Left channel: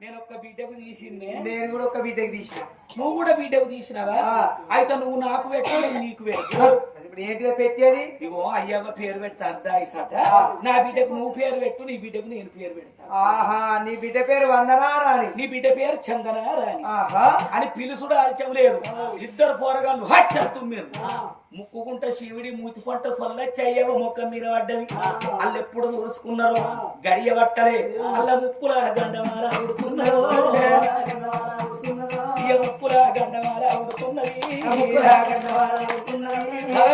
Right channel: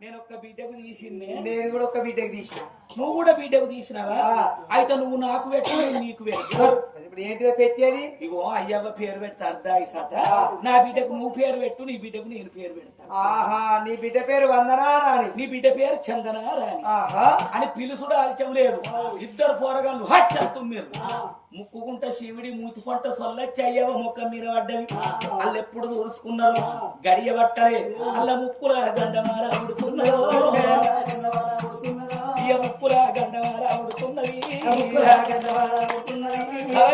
నేను ఒక్క బిడ్డకు తీసిందే. నేను కూడా ఒక బిడ్డకి తీసిన. నువ్వు కూడా బిడ్డకు తీసినావా. అయితే నువ్వు నాకు పెట్టు నేను నీకు పెట్టు. అది ఇప్పుడు ఏంటిదో పెట్టేది? ఇగో అయ్యవ్వ పేరు పెడతా అర్ధా ఇసట నా బిడ్డకు నువ్వు పేరు పెట్టు నీ బిడ్డకు నేను పేరు పెడతా. ఆహా నీ బిడ్డ పేరు వందనా రాని నీ బిడ్డ పేరు చందన రాని ఆహా. అని పిలుసుడు ఆల్చం లేదు. ఇద్దరు పోరగాళ్ళు హచ్చత్తు మీరు ముక్కుకుంట శివుడి మూతికొంట సొల్లచ్చి అయ్యవ మొక్క మీద పడ్డది. వాళ్ళు ఎప్పుడు దూరుచుకున్నారు గడియ పట్టలే. అల్ల ముక్కుల గండమాల ఉడుకున్నారు ముక్కుల గండమాల ఉడుకున్నది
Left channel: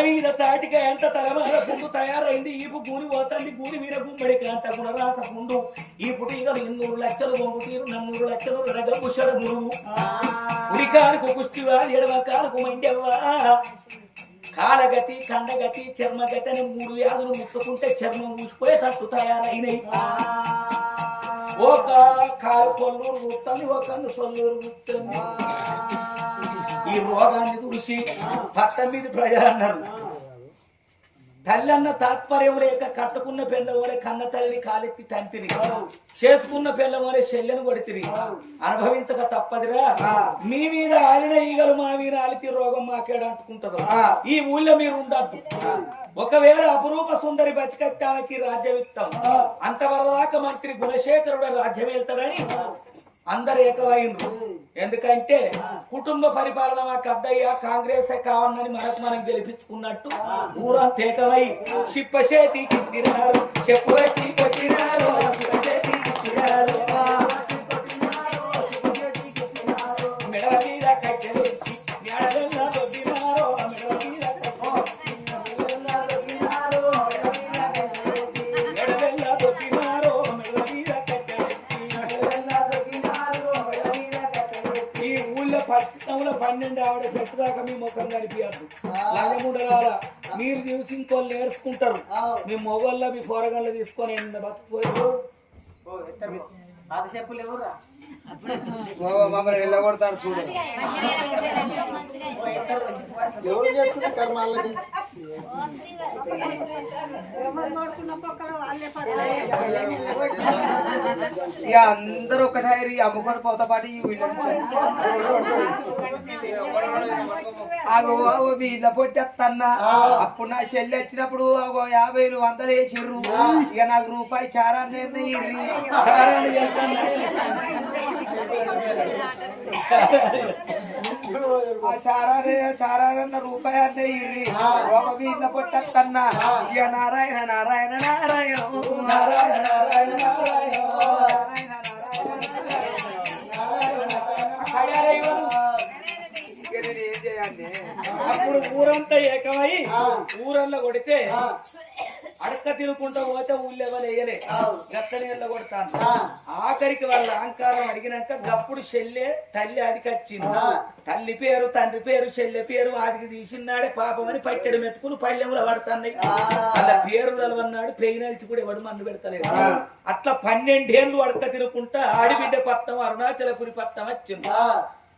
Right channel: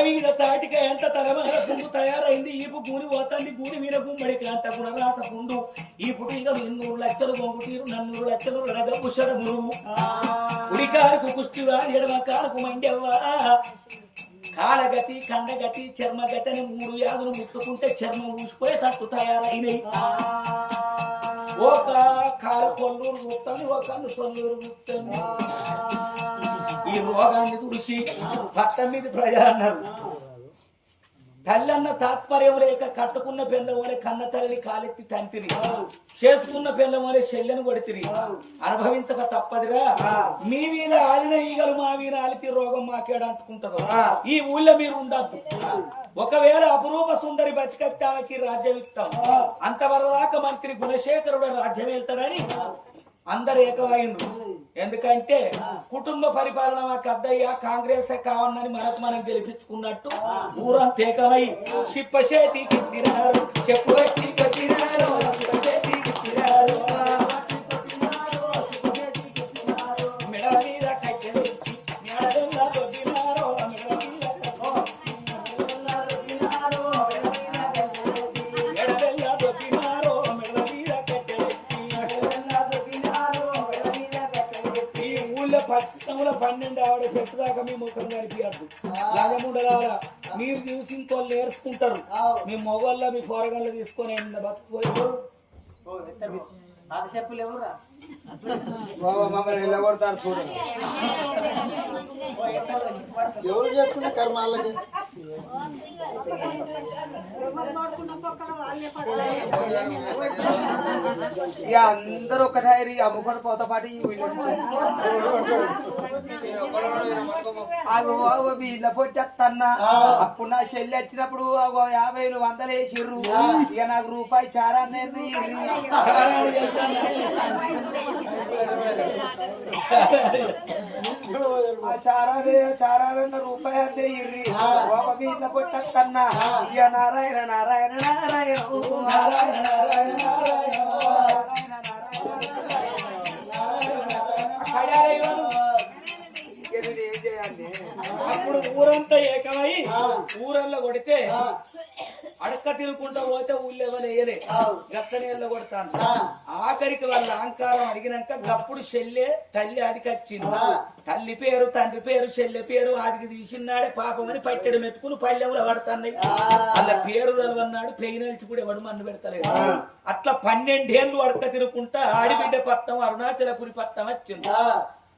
మీద తాటిక ఎంత తలమాల పుండు తయారైంది. ఈపు గూని పోతుంది. గూని మీద గుమ్మడి కాంత గుణరాస పుండు ఈ పుటిగా ఎన్నూరు లక్షలు బొంగు తీరు నన్నూరు లక్షలు రగపు శరములు ఉడికారుకు కుష్టివా ఎడమకారుకు మండెవ్వా? కాలగతి కండగతి చర్మగతి అని మూడు వ్యాధులు ముట్టుకుంటే చర్మం ఊసిపోయేటట్టు తయారైనవి ఒక కాలు కొల్లూరు గుప్తాను ఒక కన్ను కొల్లూరు గుప్తాను ఈ రోగాన్ని చూసి పట్ట మీద ప్రజలు అన్నారు తల్లి అన్న తాత్పర్యం లేక కట్టుకున్న పెళ్ళ వలె కన్న తల్లి కాలెత్తి తంతిరి చేసుకున్న పెళ్ళ వలె చెల్లెను కొడితిరి. అనుభవించక తప్పదిరా. మీ మీద ఆలిన ఈగలు మా మీద ఆలితి రోగం మాకేడ అంటుకుంటదో. ఈ ఊళ్ళో మీరు ఉండద్దు. ఒకవేళ అపురూప సుందరి బతికత్తానికి రాజ్యం ఇస్తాం అంతవరదాకా మంత్రి గుణశేఖరుడు రాజ్యం వెళ్తాడని అందరు ఏకమైనరు ఎందుకంటే కుటుంబ పరిపాలన మాకు అద్దయ్యా కాంగ్రెస్ కావాలని మనకు మనం గెలిపించుకున్నట్టు ఊరంతా ఏకమై చెప్పు కనిపించద్దు నల్లముడగాల మీరు చూసి ఇంకోళ్ళు నేర్చుకుంటారు. మీ మొగోళ్ళ మీ పోరగాళ్ళు తీసుకొని ఎంత బతుకుపోయారు చెప్పులు ఎవరురా? చూడు. ఎవరు చేసుకున్న కర్మాలకి? ఇక అందరూ ఒకటారి అమ్ముకొని పోతా పాటు ఈ. ఆగో ఆగో మీ ఇళ్ళ పొట్టేస్తన్నా అప్పుడు నా చెల్లి వచ్చినప్పుడు ఆగో యాభైలు వందలు వేసిర్రు. ఇక నాకు రూపాయి చారాన్ని ఆ చారానే చారానన్న రూపాయి అంటే ఇర్రి బాబా మీ ఇళ్ళ పొట్టేస్తన్నా ఇక నారాయణ నారాయణ నారాయణ. నారాయణ నారాయణ నారాయణ. ఊరల్లో కొడితే అడక్క తినుకుంటా పోతే ఊళ్ళో ఎవరు వేయలే. గక్క నీళ్ళ కొడతాను. ఆఖరికి వాళ్ళ అహంకారం అడిగినాక గప్పుడు చెల్లె తల్లి అదికి వచ్చింది. తల్లి పేరు తండ్రి పేరు చెల్లె పేరు ఆదికి తీసినాడే పాపమని పట్టెడు మెతుకులు పల్లెంలో పడుతున్నాయి. వాళ్ళ పేరు తెలవన్నాడు పెయినల్చి కూడా ఎవడు మన్ను పెడతలేదు. అట్లా పన్నెండేళ్ళు అడక తినుకుంటా ఆడిబిడ్డ పట్నం అరుణాచలపురి పట్నం వచ్చింది.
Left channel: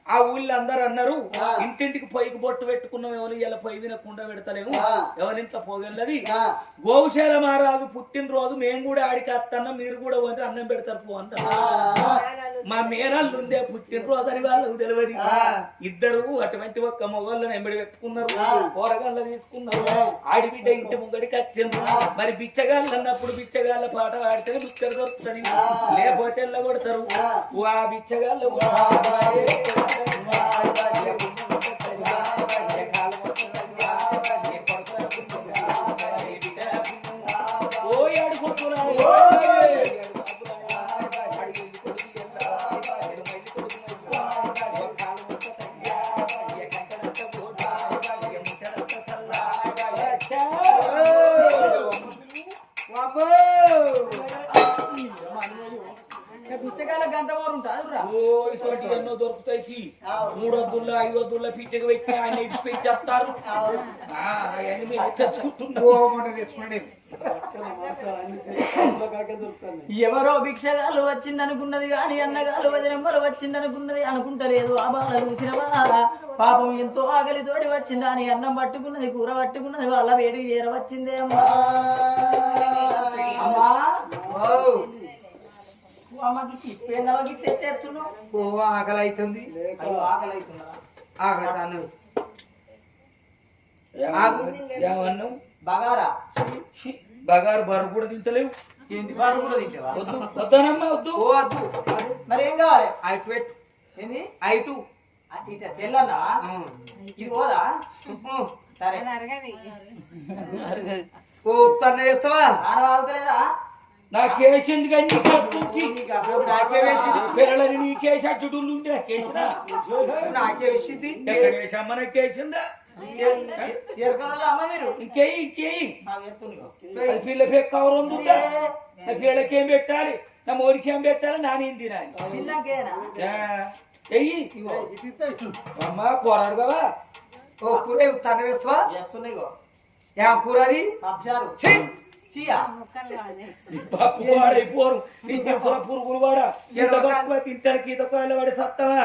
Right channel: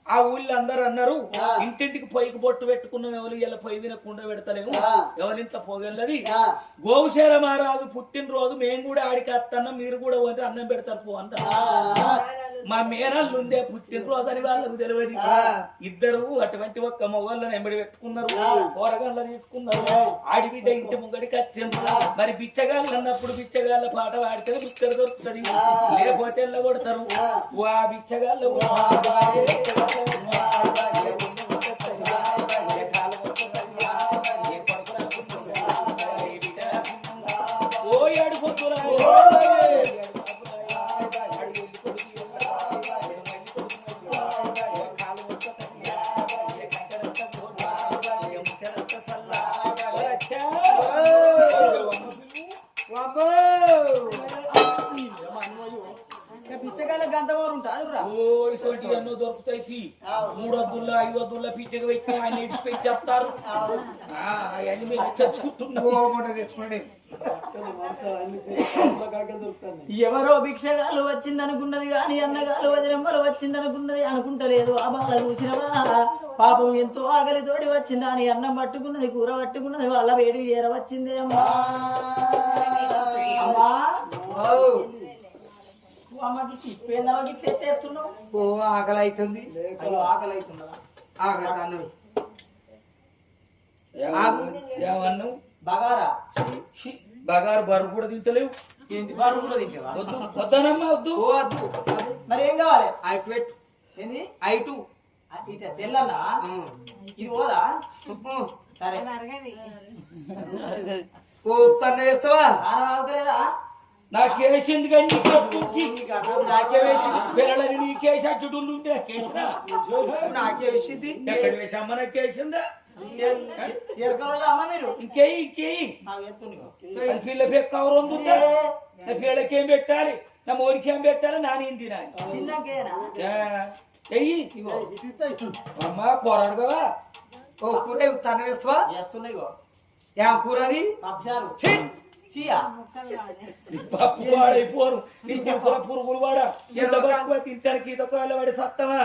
ఆ ఊళ్ళో అందరు అన్నారు ఇంటింటికి పొయ్యికి బొట్టు పెట్టుకున్నాం ఎవరు ఇలా పొయ్యి వినకుండా పెడతలేము ఎవరింట్లో పోగలది. గోశాల మహారాజు పుట్టినరోజు మేము కూడా ఆడికి వస్తాం మీరు కూడా వండి అన్నం పెడతారు పో అంటారు. మా మేనల్లు ఉందే పుట్టినరోజు అని వాళ్ళకు తెలియదు. ఇద్దరు అటువంటి ఒక్క మొగళ్ళని ఎంబడి పెట్టుకున్నారు కూరగాయలు తీసుకున్నారు. ఆడిబిడ్డ ఇంటి ముంగడికి వచ్చింది మరి బిచ్చగాళ్ళు అన్నప్పుడు బిచ్చగాళ్ళ పాట పాడితే బిచ్చడు దొరుకుతుంది. లేకపోతే కొడతారు ఆ. బిచ్చగాళ్ళు ఓ ఆడుకుంటున్నా ఎన్నో దొరుకుతాయి. మూడు వద్దుల్లో ఐదు వద్దుల్లో పీచకు పెట్టి ఆయన ఇడిచిపెట్టి చెప్తారు. ఆ, అవన్నీ మేము తెచ్చుకుంటున్నాం ఎవరో భిక్షగాలు వచ్చిందనుకున్నది గాని అన్నగాలు వదినమ్మలు వచ్చిందనుకున్నది అనుకుంటలేదు. ఆ బాల చూసినవా పాపం ఎంతో ఆకలితోటి వచ్చిందా. అని అన్నం పట్టుకున్నది కూర పట్టుకున్నది వాళ్ళ వేడి చేర వచ్చిందే. అమ్మా. అమ్మా. అమ్మకి తెచ్చేస్తున్నావు ఓ ఆకలి అవుతుంది అయ్యో ఆకలి అవుతున్నదా ఆకలి అన్నది ఆగు. ఏమన్నావు బగారా? బగారు బరువు కూడా తింటలేవు. ఏంటి బారు కూడా తింటావా? వద్దు వద్దానమ్మా వద్దు. ఓ అద్దు మరి ఏం కావాలి? ఐటు పెట్టు. ఏంది? ఐటు ఇట తెల్లన్నావా? ఇది పోదా? సరే. ఓ తన్న వేస్తావా? ఆగుతలేదా నాకేసింది కానీ నీకేసింది నాకే వేసింది పిల్లలని నీకేసి ఉంటే ఎక్కడ వేసమ్మ నాకేసిందా ఇంకేయి ఇంకేయి పిల్ల పెక్క కవర్ ఉందా? పిల్లకేం పెట్టాలి? నా మోరికేం పెట్టాలి? నాని తినాలి? తిన్నాకేనా? ఎయ్యి అమ్మా పోరాడుగా ఓ కూర తన్న వేస్తావా? కూర అది? పప్చారు ఛీ! చీయా పప్పు వాడైపోరు ఇంకొక పురుగులు వాడ? ఇంత పప్పు తింటానికి ఈత వాడి సత్తమా?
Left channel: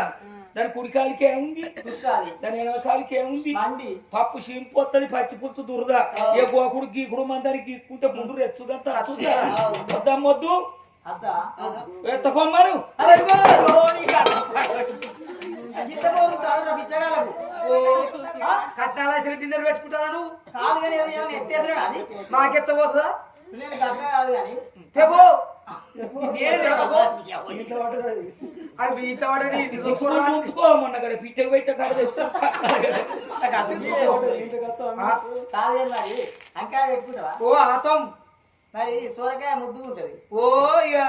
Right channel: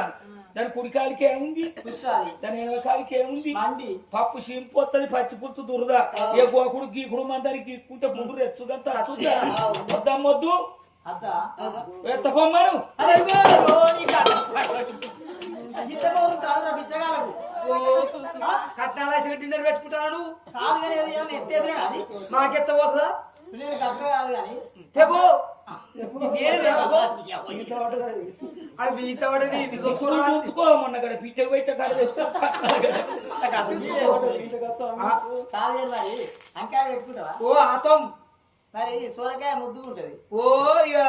దాని కుడికాలికి ఏముంది దాని వెనకాలికి ఏముంది పప్పు సింపొత్తది పచ్చి పులుసు దురద. ఏ గోకుడు గీకుడు మందరికి గీక్కుంటే ముందు రెచ్చుదంతా అచ్చుదా వద్దమ్మొద్దు అత్త కట్టాల డిన్నర్ పెట్టుకుంటాను నువ్వు? కాదు కానీ ఎత్తేదిరా అది మాకెత్త పోతుందా? పిల్లలు గట్ట కాదు కానీ. నేను ఈత పడని మొన్న పెట్ట కాడ తెచ్చు కాదు. అంకాయ పెట్టుకుంటావా? ఓ ఆతం. మరి సోరకాయ ముద్దుకుంటది ఓ ఇక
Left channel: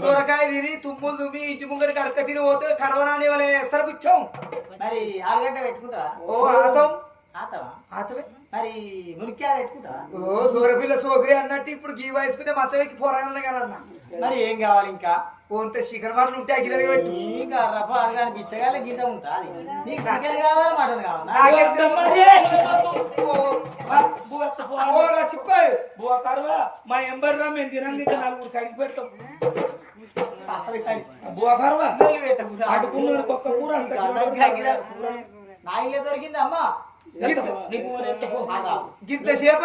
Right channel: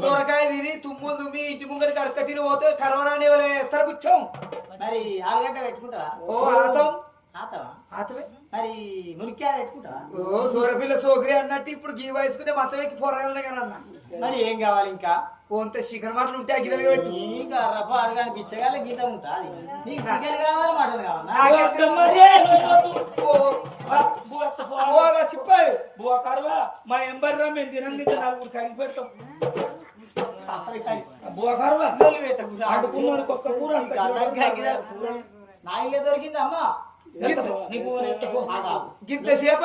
సొరకాయ తిని తుమ్ములు తుమ్మి ఇంటి ముంగడి కడక తిని పోతే కరోనా వేస్తారు కూర్చోం. మరి ఆలుగడ్డ పెట్టుకుంటావా? ఓ ఆతం మరి మురికాయ ఓ సూరపిల్ల సోకరి అన్నట్టు ఇప్పుడు గీ వయసుకుంటే మచ్చవెక్కి పోరాగలను కానీ అన్న. మరి ఏం కావాలి ఇంకా? పోంతే చికెన్ మాటలు ఉంటే గిదలు పెట్టి. ఇంకా రఫ అడగాని బిచ్చగాళ్ళ గీత ఉంటా నీకు చికెన్ కావాలా మటన్ కావాలా? ఓ రా! సిప్పాయి బువ కరువా మా ఎంబర్రా మేము తినండి నలుగురు కడిగి పెడతాం బువ కరువా కూర నా ఇల్లే గింత సేపు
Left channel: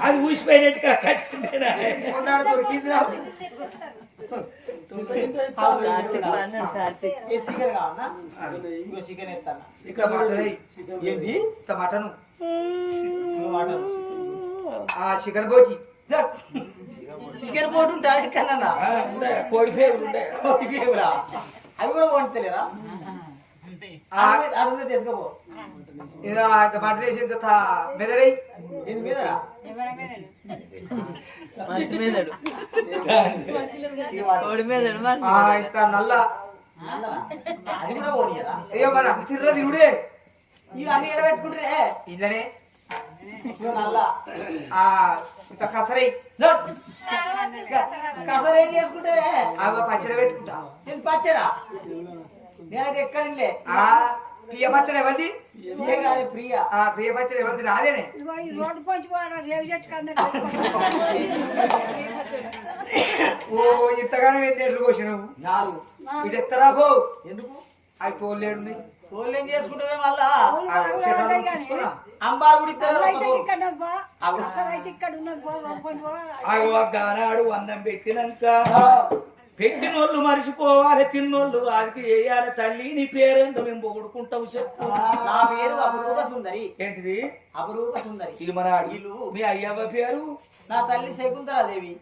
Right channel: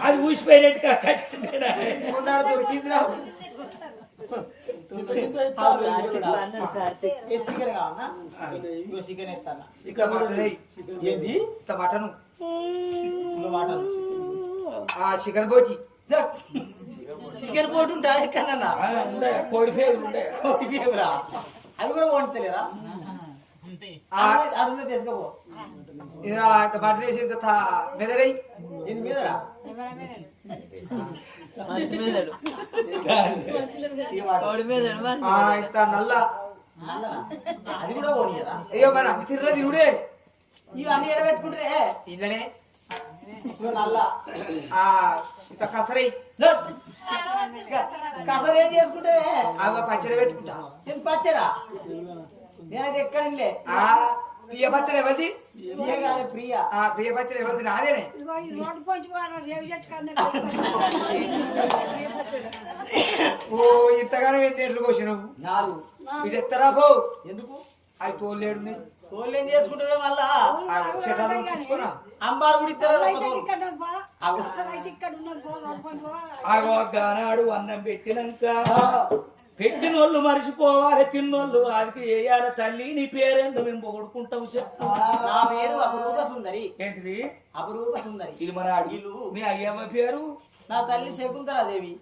అది ఊసిపోయినట్టుగా ఖచ్చితంగా దొరికింది మటన్ మటను. చికెన్ పోచి చికెన్ పోటు ఉంటా ఎక్కడన్నా? ఆ, ఉండే, కోడి పేగులు ఉండే. అవి కూడా వండుతలేరా ఆ అడుగునే తీసుకపో. ఇలా ఇంత మటన్ వేసి ఇంత తా- మెదడై. ఇది వాడు. ఆ ఇంత నల్ల? అది కూడా పోనీయరా అయ్యో మరి అంత తిర్ర తిరుడే ఇవన్నీ ఎడబెట్టుకుంటే ఇళ్ళనే ఇగో నల్ల ఆ ఇంత కసరై. కసరు చేసుకుంటే ఆగో పచ్చడి పెట్టుకుంటా. పచ్చడా? నేనైతే ఎక్కడ ప్రియ పచ్చడి ఎవరిది? ప్రియా ఆ ప్రియ పచ్చడి ఎవరిది? నాదేనే. ఓ ఇంతగానో ఎన్ని ఎట్లు కోసినావు? నాలుగు. ఇది ఎత్తరా పో. ఎందుకు? అవి తోలేడు ఏం చేసుకుంటే మళ్ళా? అంబారు కూడా ఇస్తారు తోలు. అన్నం పెట్టినాక. పెట్టినోళ్ళు మరిచిపోవాలి తిన్నోళ్ళు వాడికి వేయాలి తల్లి నీ పేరేందో మేము పొగడుకుంటాం చెప్పు. నా పేరు అపరూప సుందరి. ఏంటిది? అపరూప సుందరి. ఇది మన అడిగిలు మీ అయ్యమ్మ పేరు? నా తల్లి శకుంతలాదేవి.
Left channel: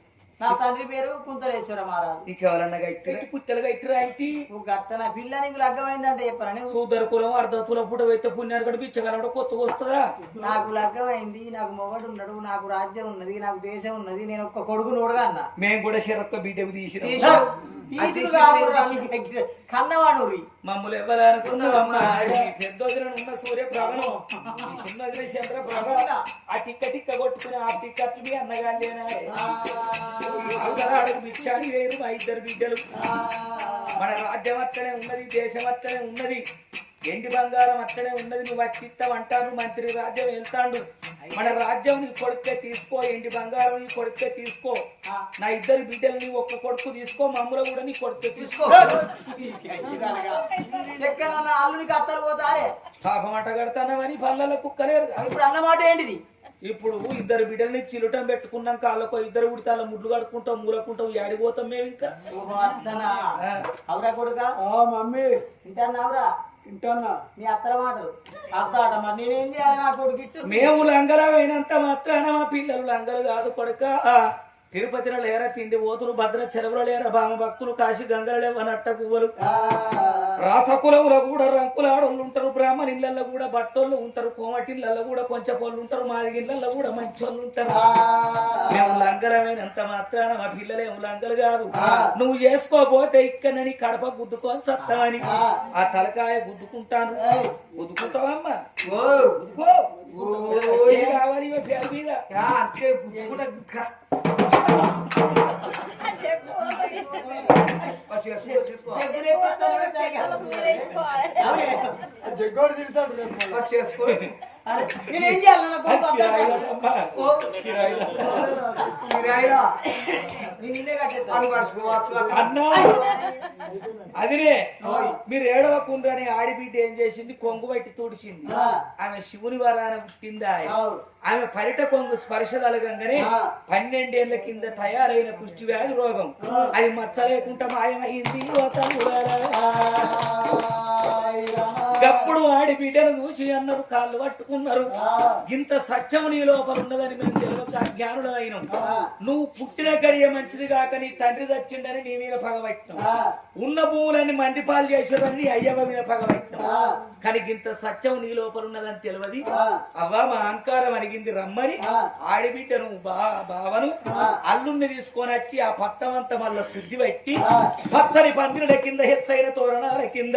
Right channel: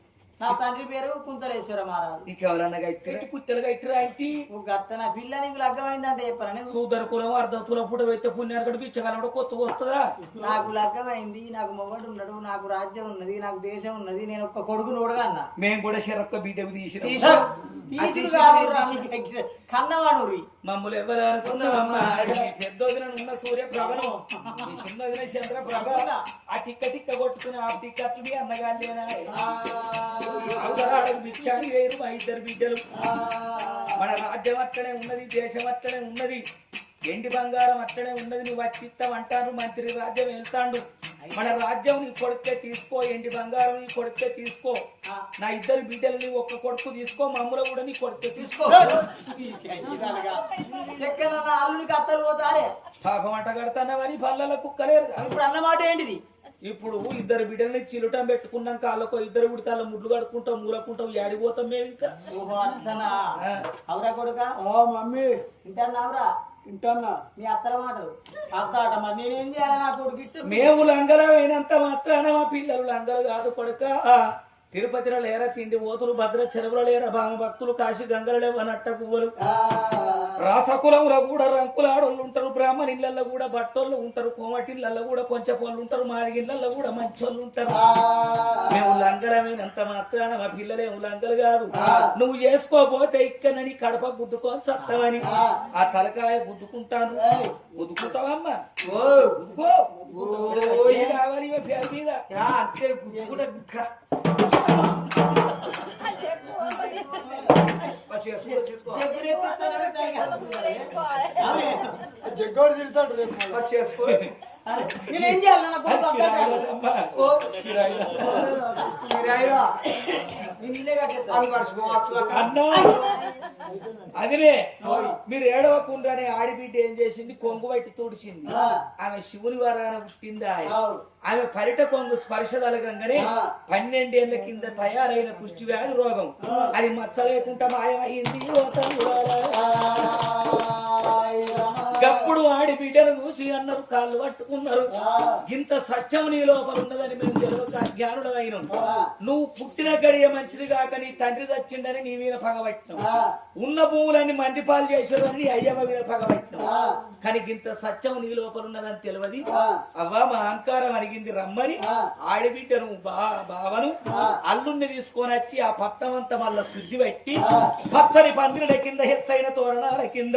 నా తండ్రి పేరు కుంతలేశ్వర మహారాజు. నీకెవరన్నా గట్టిరా? కుత్తలు గట్టిరా అయితే నువ్వు గట్ట నా పిల్ల నీకు లగ్గమైందంటే చెప్పరా కులం అర్ధ కులం పుట వెత్త పుణ్యాన్ని కూడా పిచ్చగలడం కొత్తగా వస్తుందా? నాకు లగ్గమైంది నాకు మొగడు ఉన్నాడు నాకు రాజ్యం ఉన్నది నాకు దేశం ఉన్నది నేను ఒక్క కొడుకు నోడుగా అన్న. మేము కూడా శరత్క తీసుడు కాదురా, మీకు కన్నవాణురి. మమ్మల్ని ఎవరు అనుకున్నావమ్మా పెద్ద ఉన్న సూర్య ప్రభను. చిన్న చంద్ర ప్రభ. ఆ తిక్క తిక్క కొట్టుకుని ఆ తిక్కట్లు మీ అన్నగారులేనా బిచ్చాని వేరు మా ఇద్దరు బిడ్డలు. మన రాజ్యం అట్లనే ఉన్నది దేశం అట్లనే ఉన్నది. ఎండి బంగారం అట్లనే ఉన్నది నువ్వు వచ్చిత్తం అంటాను మంత్రి రాజ్యం వెళ్తాడు. మన రాజ్యం నీ కొడుకే తీసుకో ఎండి బంగారం నీ కొడుకే తీసుకో. నా ఇద్దరు బిడ్డలు నీ ఒక్క కొడుకు తీసుకో మమ్మల్ని కూడా నీ కొడుకే తీసుకో. పాపం అట్ట కడతానమని పళ్ళలో కుక్కలేరు. ఇప్పుడు అన్నమాట ఏంటిది? ఇప్పుడు ఇద్దరు బిడ్డల్ని చిలుటం పెట్టుకున్నాక వాళ్ళకు ఇద్దరు ఉడితే ముడ్లు కడుకుంటాం మూలకుంటాం ఏడిపోతాం మేము ఇంకా. అవురా కొడుక? ఓ మమ్మీ. మీ అత్తల మాటలు. మరి నేనేం చేయాలి నా కొడుకు? ఇట్టు మేము లంగల అయినంత మాత్రాన మా పిల్లలు లంగలు కాదు కొడుక. తిరుపతిలో లేరా తిండి ఓతులు భద్ర చెరువుల లేరా భామ భక్తులు కాశీ గంగల లేవనట్ట పువ్వులు. రాసకులములో కూడా రంకుల ఆడోళ్ళు ఉంటారు బ్రాహ్మణ ఇళ్ళల్లో కూడా బట్టోళ్ళు ఉంటారు కోమటి ఇళ్ళల్లో కూడా కొంచెం పళ్ళు ఉంటారు మాది ఇళ్ళల్లో కూడా మంచోళ్ళు ఉంటారు. మేము లంగలమైనంత మాత్రాన మా పిల్లలేము లంగలు కాదు. నువ్వు చేసుకోపోతే ఇక్కడ నీ కడప గుద్దుకొని చత్తమని ఆ. తలకాయ గుద్దుకుంటాను. గుద్దుకుంటావమ్మా? కావాలి పేరు మీద? జగ్గోడు తిడతాడు రేపు చేసుకో. అరే, నేనేం చేయాలి అదినే మీరు ఏడవకుండా ఆడిబిడ్డ ఏం చేసింది? కొంగు బట్టి తుడిచింది. ఆమె శివుని వరాన పుట్టిందా ఆమె పరిట కొంగు స్పర్శ తలగంగానే పన్నెండేళ్ళ కింద తయారైన కుష్టి వ్యాధి రోగం అది మచ్చ లేకుండా మాయమైంది. గప్పుడు ఆడి బిడ్డను చూసి అన్నారు కాళ్ళు పట్టుకున్నారు. ఇంత సత్యం నీ లోపల ఉన్నదని మేము తెలియక నువ్వు పుట్టిన గడియ మంచిది కాక నీ తండ్రి చచ్చిండని నీ మీద పగబట్టినాం ఉన్న భూములన్నీ మంది పాలు చేసేదని అయ్యవ మీద పగబట్టినాం కానీ ఇంత సత్యం నీ లోపల ఉన్నదని తెలియదు. అవ్వా మా అహంకారం అడిగింది రమ్మని. ఆడిబిడ్డను బావను అల్లుణ్ణి తీసుకొని వచ్చి ఆ పట్టమంతా మళ్ళా శుద్ధి పెట్టి పచ్చని పందిరుల కింద ఎత్తైన తోరణాల కింద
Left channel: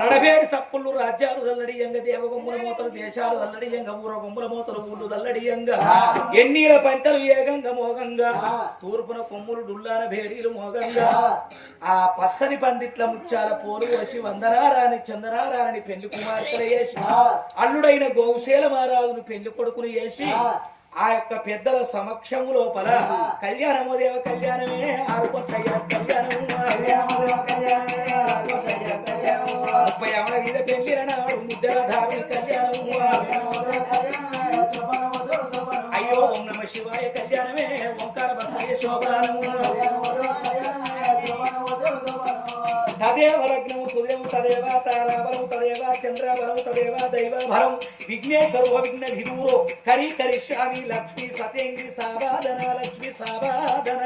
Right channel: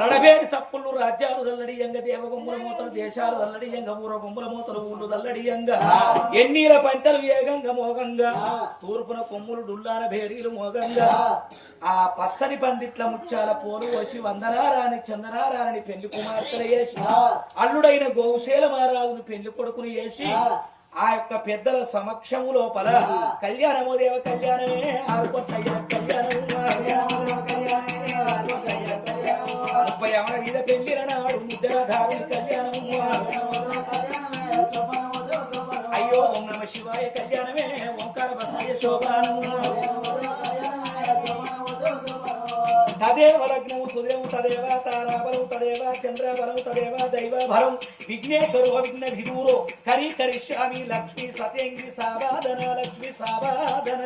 రడబేడి సప్పులు రాజ్యాలు దల్లడియంగ దేవగొమ్ముల మూతలు దేశాలు దల్లడియంగ ఊర గొమ్ముల మూతలు ఊళ్ళు దల్లడియంగ ఎన్నీల పంటలు ఏగంగ మోగంగా. తూర్పున కొమ్ములు డుల్లాన భేరీలు మోగంగా. ఆ. పచ్చని పందిట్ల ముచ్చాల పోలు వచ్చి వందనారాని చందనారాని పెళ్ళి కుమార్తెలు వేసి అల్లుడైన గోవుశేల మహారాజును పెళ్ళి కొడుకుని వేసి ఆ. యొక్క పెద్దల సమక్షము లోపల కళ్యాణము దేవ కళ్యాణమే ఆరుకొట్టయ్య కళ్యాణము ముప్పై అమర మీద పెళ్ళిన నాడు ముద్దల ధారణ కళ్యాణము బసయ శోభానము తదేవ లగ్న సుదేవు తదేవ తారాబలము తదేవ చంద్రవరం తదేవ దైవభరం. విఘ్నేశ్వరు విఘ్న విదూరో కరి కరిష్యామి లక్ష్మి సతేంద్రి సావాదన లక్ష్మి సావాదన.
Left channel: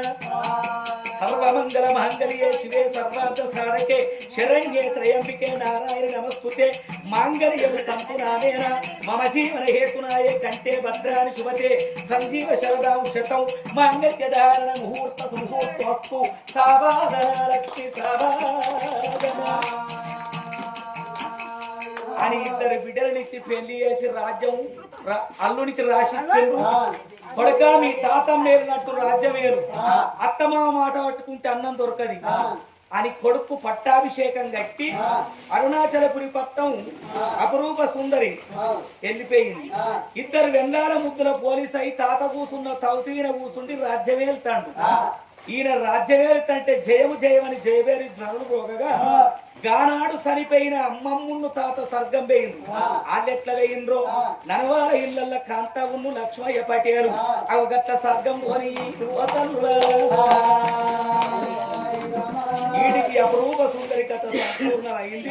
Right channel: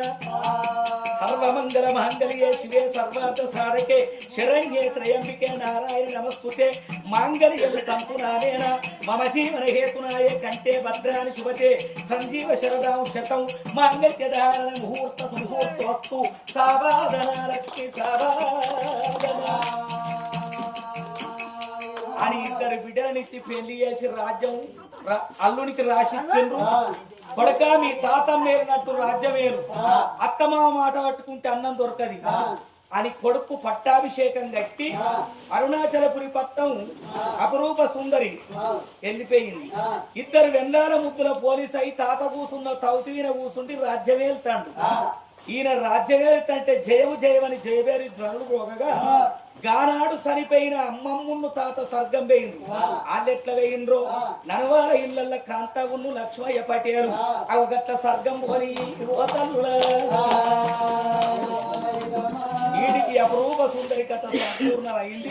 సర్వమంగళ మాంగళ్యే శివే సర్వార్థ సారకే. శరణ్యే త్రయంబికే నారాయణ నమస్కృతే. మాంగళ్యం సంపునాదేన మమ జీవన హేతునాయే కంటే భద్రాని శుభతే. సంజీవ శరదాం శతం. మాంగళ్య ధారణ ముహూర్త సుముహూర్తోస్తు సావాదన లక్ష్మి సావాదన. అని ఇద్దరు బిడ్డలనిచ్చి పెళ్ళి చేసి రాజ్యం అల్లునికి రాసిచ్చిండ్రు. కొడక మీ తాత మేరినట్టు రాజ్యం వేరు. అత్తమామ మాట పట్టుకుంటే అన్నం దొరకది. అని కొడుకు పట్టాభిషేకం కట్టి అరుణాచలపురి పట్టం అపరూప సుందరి వెళ్ళిపోయింది. ఇద్దరు వెన్నాల ముద్దుల పోలీస్ అయి తాత కూసున్న తౌతీన కూసుండి రాజ్యం వెళ్తాడు ఈయన రాజ్యమేలుతంటే జయము జయమని జయబేరి ధ్వనులు పోగగా గానాడు సరిపోయిన అమ్మమ్మును తాత సర్గం వేయిండ్రు వాళ్ళెట్ల వేయిండ్రో ననవాల ఇళ్ళల్ల కాంతవును లక్ష్మయ్య పటేలు. అవగట్ట సర్గం కొని వీడికి అపరూప సుందరి కథ సంపూర్ణ అయింది